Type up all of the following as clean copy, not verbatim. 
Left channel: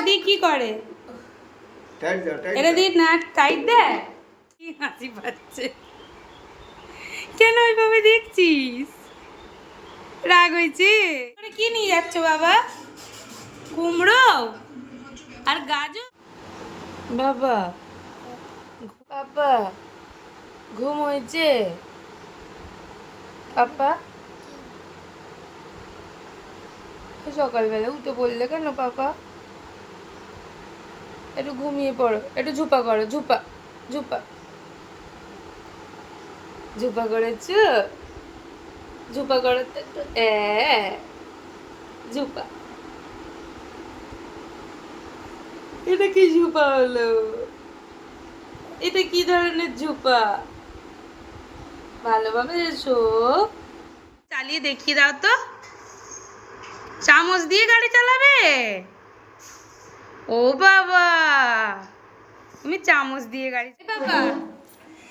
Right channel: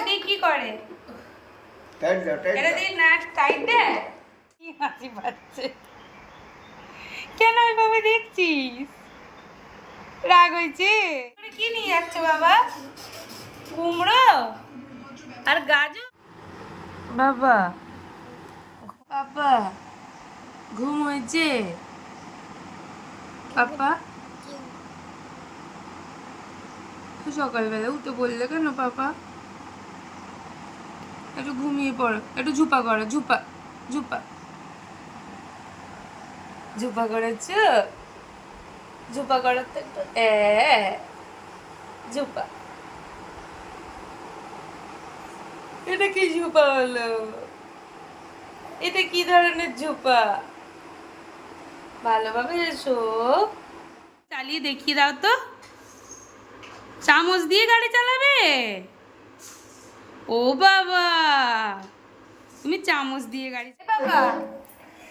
এটা দিয়ে কি করে? এটা দিয়ে না টাইট দেয়? কি হাসি পাচ্ছে, কেন ওইভাবে দেখছিস? রাগ হয়েছে? কি নিয়ে যাচ্ছ বাবা? কুমড়ো আর গাজর? বাবা পাপা ঘুম হয়েছে? পাপা সকালবেলা উঠে বললে কেন পাপা? একটু ঘুমিয়ে পড়ো, একটু ঝুপা করো, ঝুপা ঝুপা ঝুপা করেছ? ঝুপা করো তো একটু, ঝুপা। এটা কি ঝুপা হলো? এটা কি ধরনের ঝুপা? ভালোভাবে এসো। চালিয়ে দেখিয়ে দাও তো। চামচ দিয়ে গাড়ি চালাবে? ও বাবা, তুমি চামচ দিয়ে গাড়ি বাবা,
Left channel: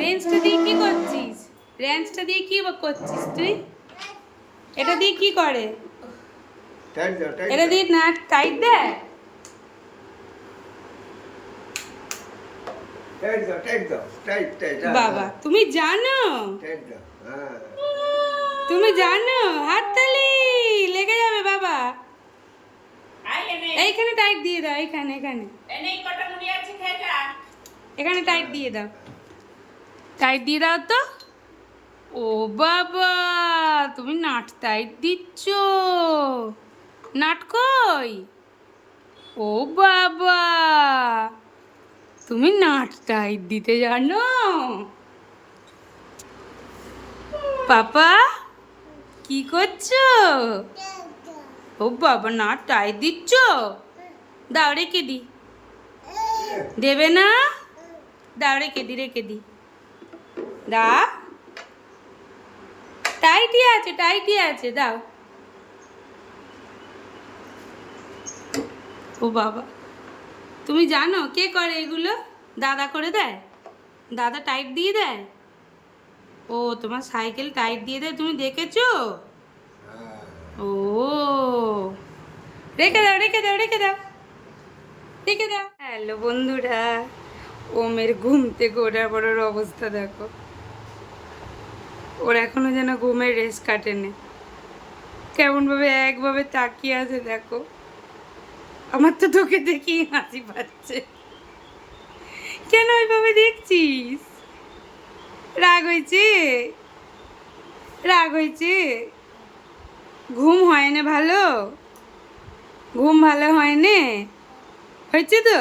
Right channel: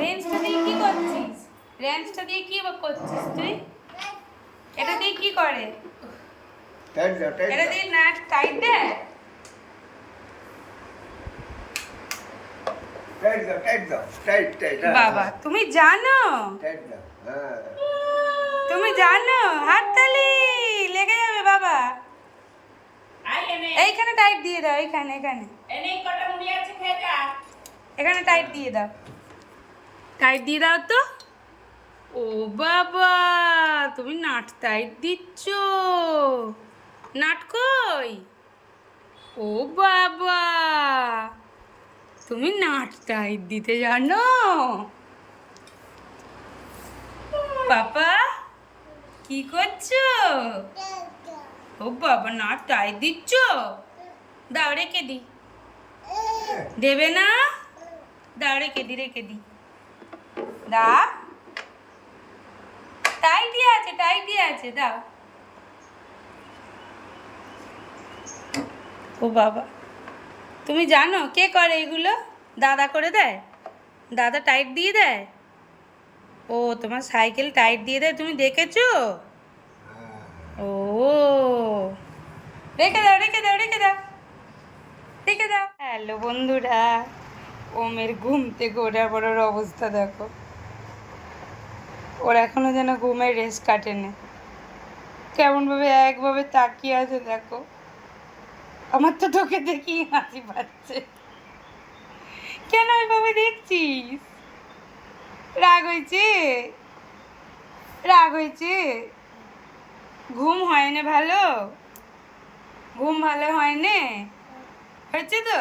রেঞ্জটা দিয়ে কি করছিস? রেঞ্জটা দিয়ে কি করছিস তুই? এটা দিয়ে কি করে? এটা দিয়ে না টাইট দেয়? বাবা তুমি জানো? তুমি জানো? হাততালি লেগে যাবে বাবা। এইখানে টাইট দিয়ে দাও, এইখানে এখানে এখানে টাইট দিয়ে দাও, টাইট দিয়ে দাও তো। ও বাবা, তুমি নাট টাইট দিচ্ছ? নাট কই? ও বাবা, তুমি নাট টাইট দিতে জানো? পাপা কি করছো? ও বাবা, নাট টাইট দিচ্ছ? দাও রেখে দি। দেবে না? দাও রেখে দি, রেখে দি। দাও, টাইটই আছে, টাইটই আছে, দাও। ও বাবা, তুমি জানো কে করে এগুলো? দাদা করে দেয়? দাদা টাইট দিয়ে দেয়? ও তোমার সাইকেল টাইট দিয়ে দেয়, তুমি দেখেছো? ও রেখে দাও, রেখে দাও, রেখে দাও, রেখে দাও। হ্যালো বন্ধুরা, ওমের ঘুম থেকে ওঠার পরের অবস্থা দেখো। ওর এখনো যেন ঘুমের রেস কাটেনি, কেমনভাবে একভাবে তাকিয়ে আছে দেখো। আমার তো তোকে দেখি হাসি পাচ্ছে, কেন ওইভাবে দেখছিস? রাগ হয়েছে? রাগ হয়েছে? ঘুম হয় না ভালো? ঘুম ভালো হয় না? হয়েছে তো?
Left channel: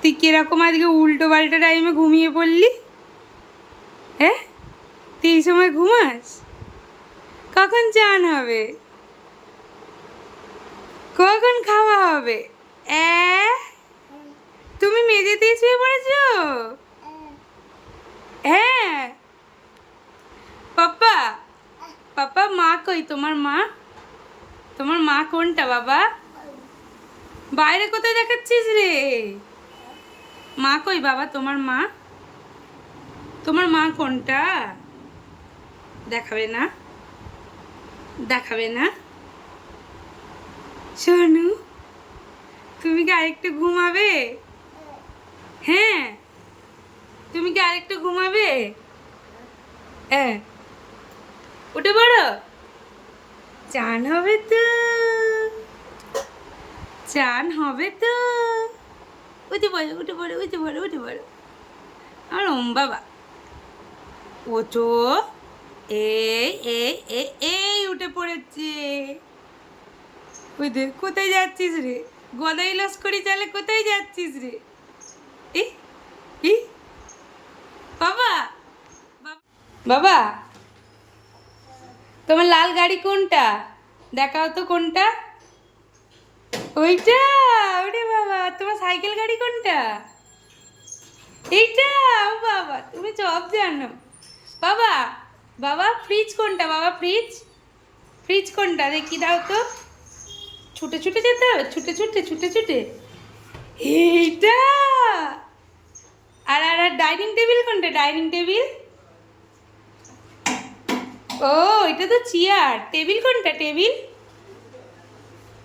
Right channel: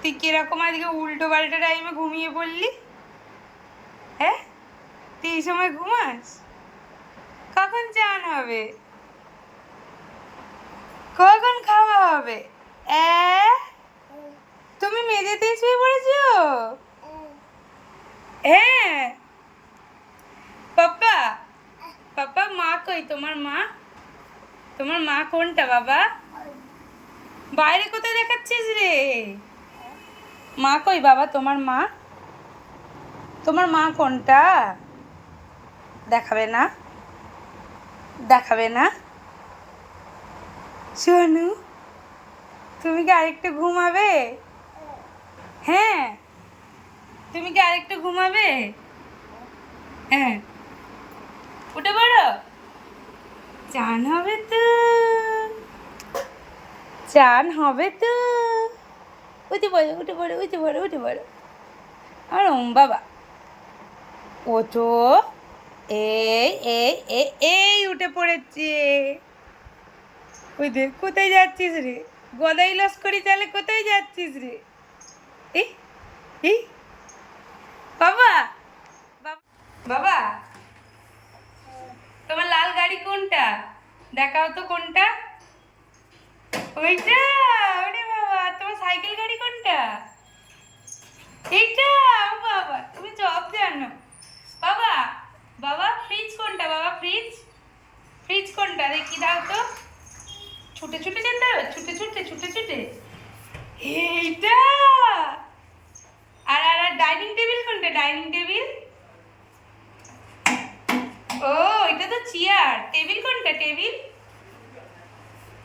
তুই কিরকম আজকে উল্টো পাল্টা টাইমে ঘুমিয়ে পড়লি? হ্যাঁ, তুই এই সময় ঘুমাস? কখন চান হবে? কখন খাওয়া হবে? তুমি মেঝেতেই শুয়ে পড়েছো? হ্যাঁ। পাপা, পাপা মা কই? তোমার মা? তোমার মা কোনটা বাবা? বাইরে কোথায় দেখাচ্ছিস রে? মা কই বাবা? তোমার মা? তোমার মা কোনটা? দেখাবে না? দেখাবে না? সোনু, তুমি কি আরেকটু ঘুমাবে? হ্যাঁ, তুমি কি আরেকটু ঘুমাবে? হ্যাঁ, উঠে পড়ো, চান হবে তো, চান হবে তো। উঠে পড়ো, উঠে পড়ো, উঠে পড়ো, উঠে পড়ো। আর বাবা ওঠো, এই এই এই এই উঠে পড়েছে। ওই দেখ, কোথায় যাচ্ছিস রে? গদাই লস্করি চালে কোথায় যাচ্ছিস রে? এই এই বাবা, বাবা তোমার লাল গাড়ি কোনটা? দেখাও তো কোনটা। ওইটা? ওরে বাবা, তোমার সাইকেল গাড়ি কোনটা? এইটা? ও বাবা, তুমি সব জানো। বাবা, বাবা ফ্রিজ কোনটা? বাবা ফ্রিজ, ফ্রিজ কোনটা দেখি দাও তো। ছুটে ছুটে যেতে হবে, ছুটে ছুটে, ছুটে ছুটে। এইটা? আর আর ডাইনিং টেবিল কোনটা? Dining table? ও এটা তো চেয়ার। টেবিল কোনটা? টেবিল?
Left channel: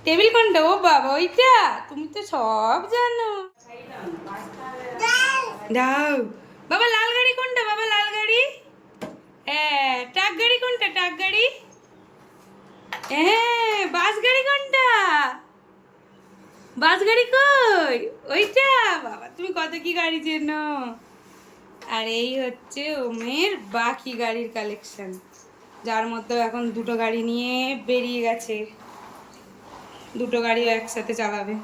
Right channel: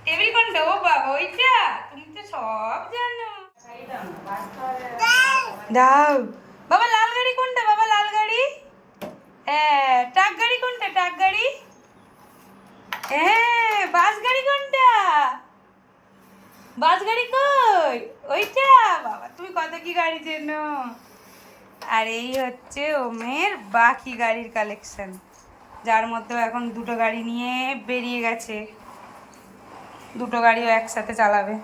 টেবিল কোনটা? ও বাবা ওইটা, তুমি তো সব জানো। দাও বাবা। লাল গাড়ি কোনটা বাবা? লাল গাড়ি। হ্যাঁ। ট্রাক গাড়ি কোনটা? ট্রাক গাড়ি। হ্যাঁ। বাস গাড়ি কোনটা? বাস গাড়ি কই? ওইটা। বাবা তুমি কত কি গাড়ি চেনো। আর এই হচ্ছে ওমের বাকি গাড়ির কালেকশন, যার মধ্যে এখন দুটো গাড়ি নিয়ে বেরিয়ে গেছে। দুটো গাড়িও একসাথে চালাবে।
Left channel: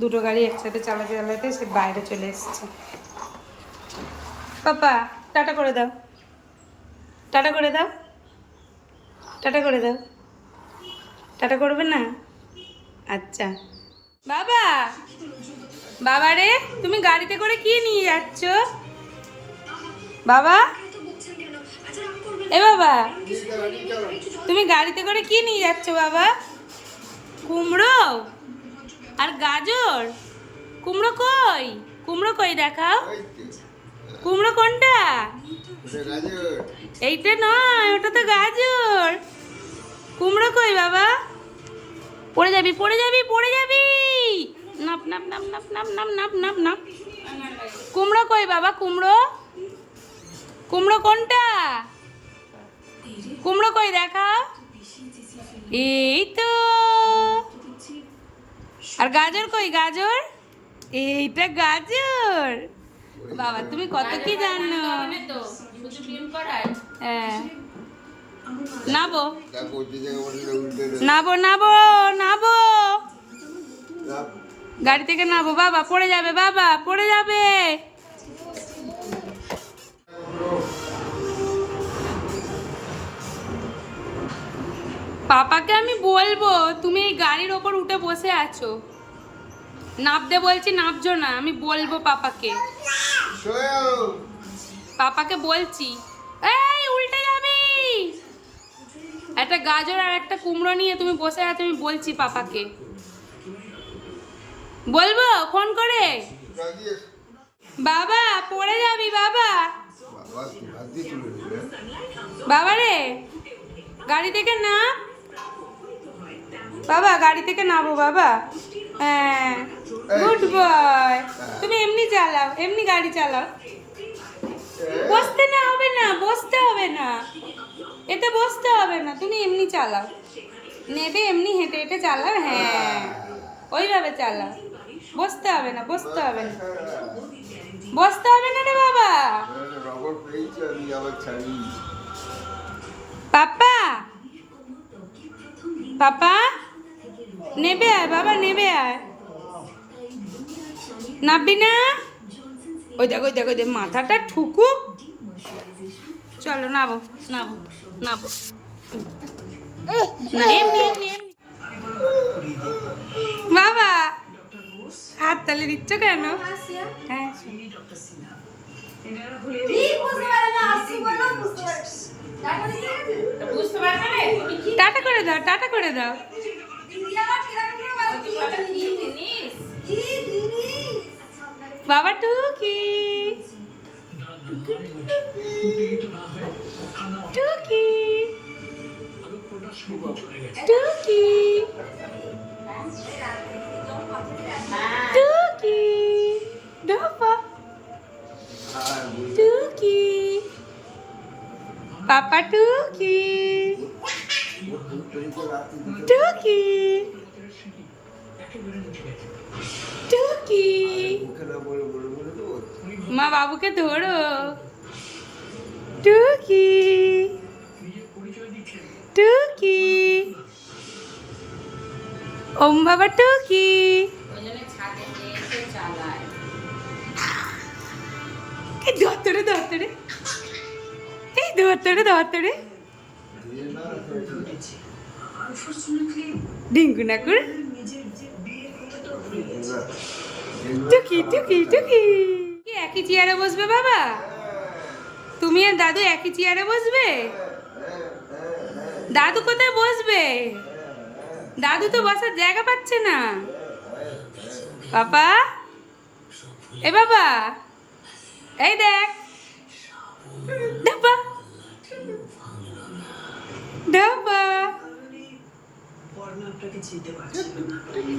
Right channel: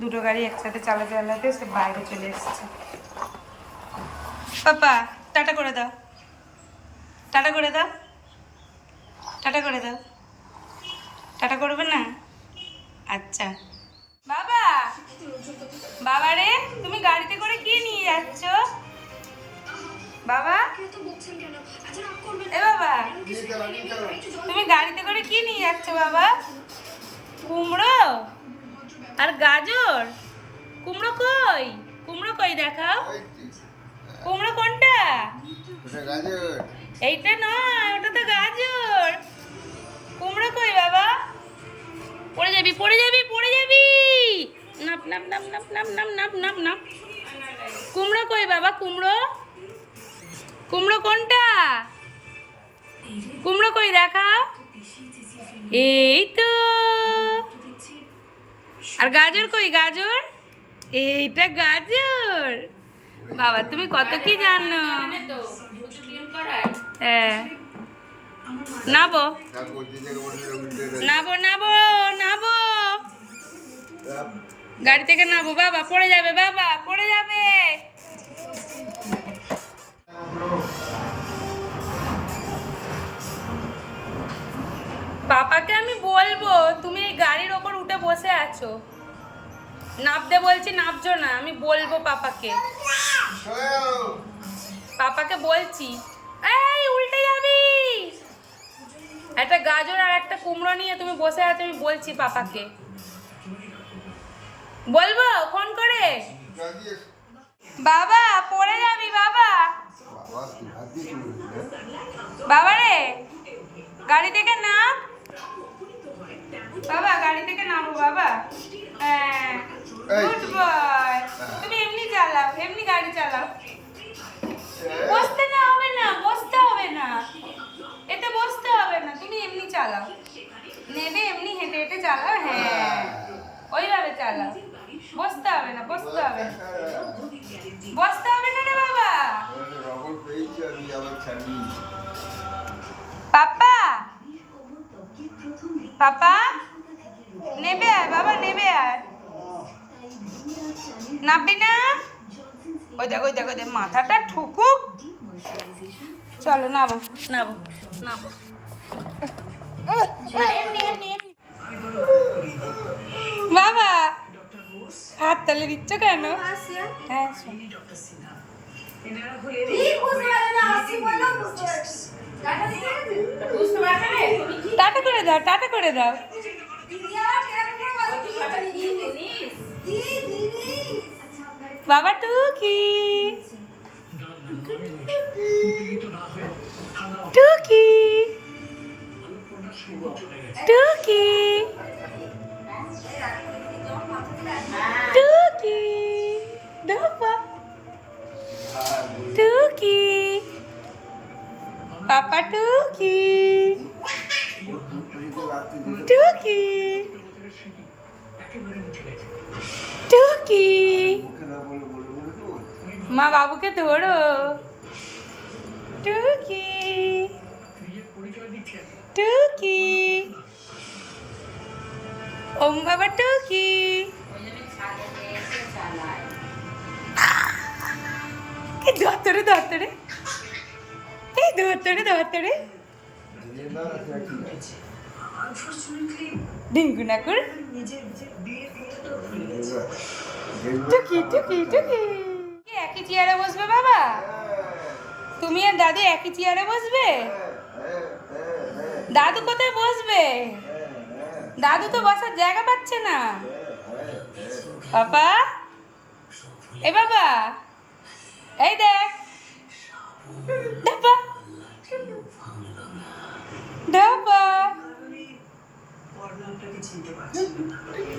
দুটো গাড়ি একসাথে চালাতে চালাতে সে বাইরে চলে এসেছে। পাপা টাটা করে দাও, টাটা করে দাও, টাটা করে দাও। টাটা করবে না? আচ্ছা। বাবা, বাবা রে, তুমি গাড়িতে করে কি নিয়ে যাচ্ছ বাবা? এ বাবা, তুমি গাড়িতে করে কি নিয়ে যাচ্ছ বাবা? কুমড়ো আর গাজর। কুমড়ো কই? কুমড়ো কই দেখাও। কুমড়ো কোনটা? এইটা নয়, ওটা তো গাজর। কুমড়ো কই বাবা? পড়ে যাবি, পড়ে যাবি, পড়ে যাবি। নাপ নাপ নাপ নাপ নাপ নাপ নাপ নাপ নাপ। কুমড়ো কই বাবা? কুমড়ো, কুমড়ো কোনটা? কুমড়ো কই দেখাও। এই তো। আর গাজর কই? গাজর, এইটা গাজর। বাবা তুমি কত কি জানো। হ্যাঁ। নাবো নাবো নাবো নাবো, গাড়ি থেকে নাবো বাবা। পড়ে যাবে বাবা, পড়ে যাবে। পাপাকে আমি বলবো তুমি এই গাড়ির ওপর উঠে বসে আছো, নাবতে বলছি, নাবছো না। আমি বলবো পাপাকে, পাপাকে বলছি। এই উল্টে যাবি। একটা গাজর আর একটা কুমড়ো নিয়ে তুমি বসে আছো, আমি বলছি পাপাকে। বলবো ফোন করে। বাবা পড়ে যাবি বাবা। বাবা রে, গাড়ি থেকে নাম বাবা, গাড়ি থেকে নামো বাবা। হ্যাঁ, গুড বয়। তুমি এমনি চালাও, এমনি গাড়ি চালাও। বসতে না হবে না, বসতে হবে না, এতে বসতে হবে না, তুমি এমনি চালাও। নেবে এমনি হেঁটে হেঁটে চালাও। হ্যাঁ, ওইভাবে চালাও। বসতে হবে না, বসতে হবে না, বসতে হবে না রে বাবা। পাপা, পাপা নেবে আয় বাবা, নেবে আয়। নাববি না? ওই দেখো, ওই দেখো, ওই দেখ মাথাটা ঠুকুক। চলো নাবো, নাবো, নাবো। এমনি এমনি এমনি। বাবা হাত তালে দিচ্ছ কেন? হ্যাঁ, টাটা করে দাও, টাটা করে দাও। বাবা টুকি, টুকি, টুকি, টুকি, ডোপা, টুকি, পাপা টুকি, টুকি, টুকি। মা বাবুকে ধরো। টুকি, টুকি, ওম বাবা টুকি। এই ধরতরে, ধরতরে, এই ধরতরে, ধরতরে। ডিঙ্গু নাকুর। টুকি, টুকি, টুকি। একই চেয়ারে বসবে বাবা? তুমি আর দাদু একই চেয়ারে বসবে? দাদু কোথায় বসবে? দাদু তো বসার জায়গা পাচ্ছে না। পাপা, এ বাবা, এই দেখ। ডাব্বা, ডাব্বা, কারণে আপনাকে চিনতে পারছিলাম না